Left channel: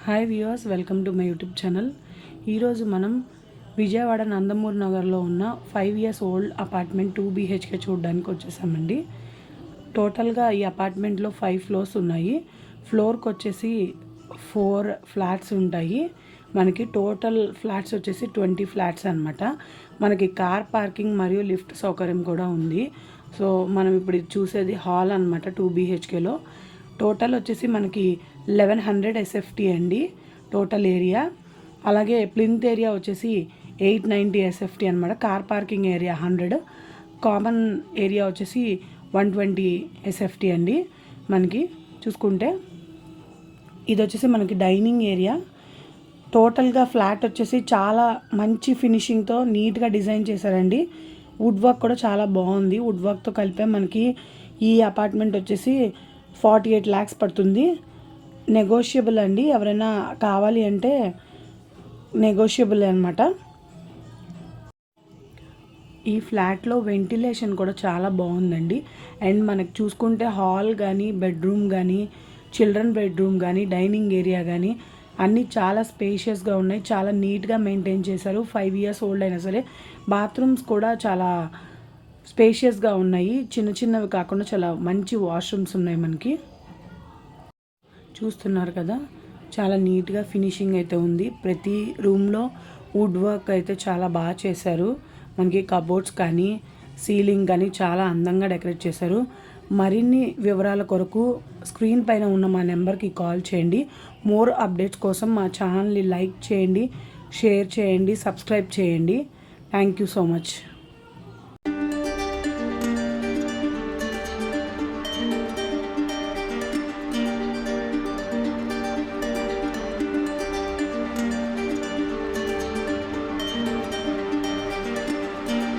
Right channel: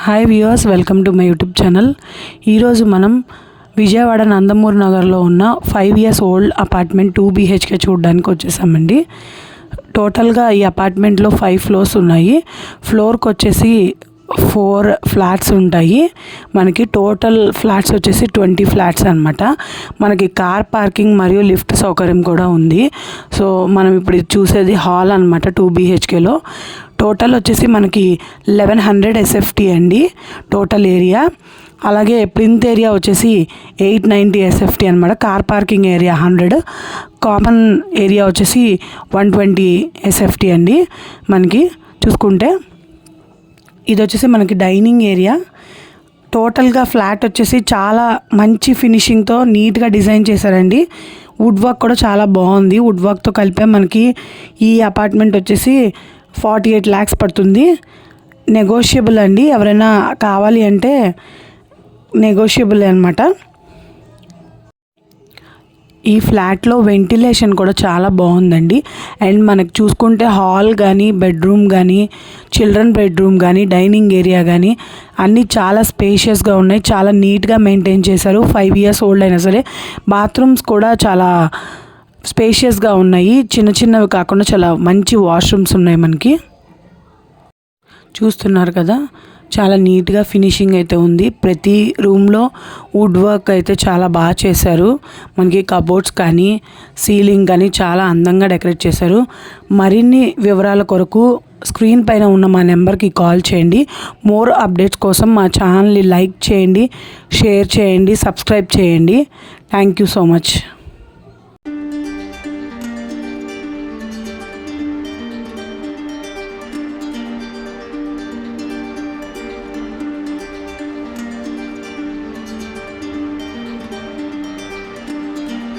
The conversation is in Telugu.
Hi viewers, welcome to my YouTube channel. ఈరోజు మనం విజయవాడ నందమూరి నగర్లో ఉన్న 5 years ఓల్డ్ అపార్ట్మెంట్ 2 BHK చూడడానికి వచ్చేసామండి. టోటల్గా ఈ అపార్ట్మెంట్లో 5 floors ఉన్నాయి. ఫ్లోర్కి వచ్చేసి 4 flats ఉంటాయి. మనకి టోటల్ ఫ్లాట్స్ వచ్చేసి 20 flats అనమాట. మనకి కార్ పార్కింగ్ మరియు లిఫ్ట్ సౌకర్యం కూడా ఉంది. సో మనం ఇప్పుడు చూసేది హాల్ అనమాట 2 BHKలో. టోటల్ వచ్చేసి మనకి 1100 SFT అండి టోటల్ ఏరియా. అలాగే ప్లింత్ ఏరియా వచ్చేసి 890 SFT అనమాట. Car parking area 100, common area వచ్చేసి 120 SFT అండి. మనకి చూసుకుంటే ఇది వచ్చేసి మనకి డైనింగ్ ఏరియా. టోటల్గా ఫ్లాట్ వచ్చేసి చాలా మంచి ఫినిషింగ్తో నీట్గా డిజైన్ చేశారండి. వుడ్ వర్క్ కూడా చాలా బాగుంది. వుడ్ వర్క్తో కలిపే మనకి ఈ అపార్ట్మెంట్ వచ్చేసి 48 lakhs పడుతుంది. నెగోషియబుల్ అండి, ఎవరైనా కావాలి అంటే నెగోషియబుల్ అనమాట. ఈ ఫ్లాట్లో వెంటిలేషన్ కూడా చాలా బాగుందండి. అండ్ మనకు చూసుకుంటే హాల్ కానీ, బెడ్రూమ్ కానీ, చిల్డ్రన్ బెడ్రూమ్ కానీ, డైనింగ్ ఏరియా కానీ అన్నీ చాలా స్పేషియస్గా ఉన్నాయి. చాలా నీట్గా మెయింటైన్ చేశారు. 5 years ఓల్డ్ అయినా సరే బాత్రూమ్స్ కూడా చాలా స్పేషియస్గా ఉన్నాయి. చిన్న చిన్నవి కాకుండా చాలా మంచి వాష్రూమ్స్ ఉన్నాయి. మనకి చూస్తున్నారు కదా, చాలా నీట్గా ఫినిషింగ్ అయితే ఉంది. ప్రతి రూమ్లో వుడ్ వర్క్ అయితే చాలా బాగా చేశారు. మనకి కబోర్డ్స్ కానీ, సీలింగ్ కానీ చాలా అందంగా డెకరేట్ చేశారు. మరిన్ని వివరాల కొరకు స్క్రీన్ పైన ఉన్న మా నెంబర్కి కాల్ చేయండి. మోర్ అప్డేట్స్ కోసం మా ఛానల్ని లైక్ చేయండి, షేర్ చేయండి, సబ్స్క్రైబ్ చేయండి. Thank you so much.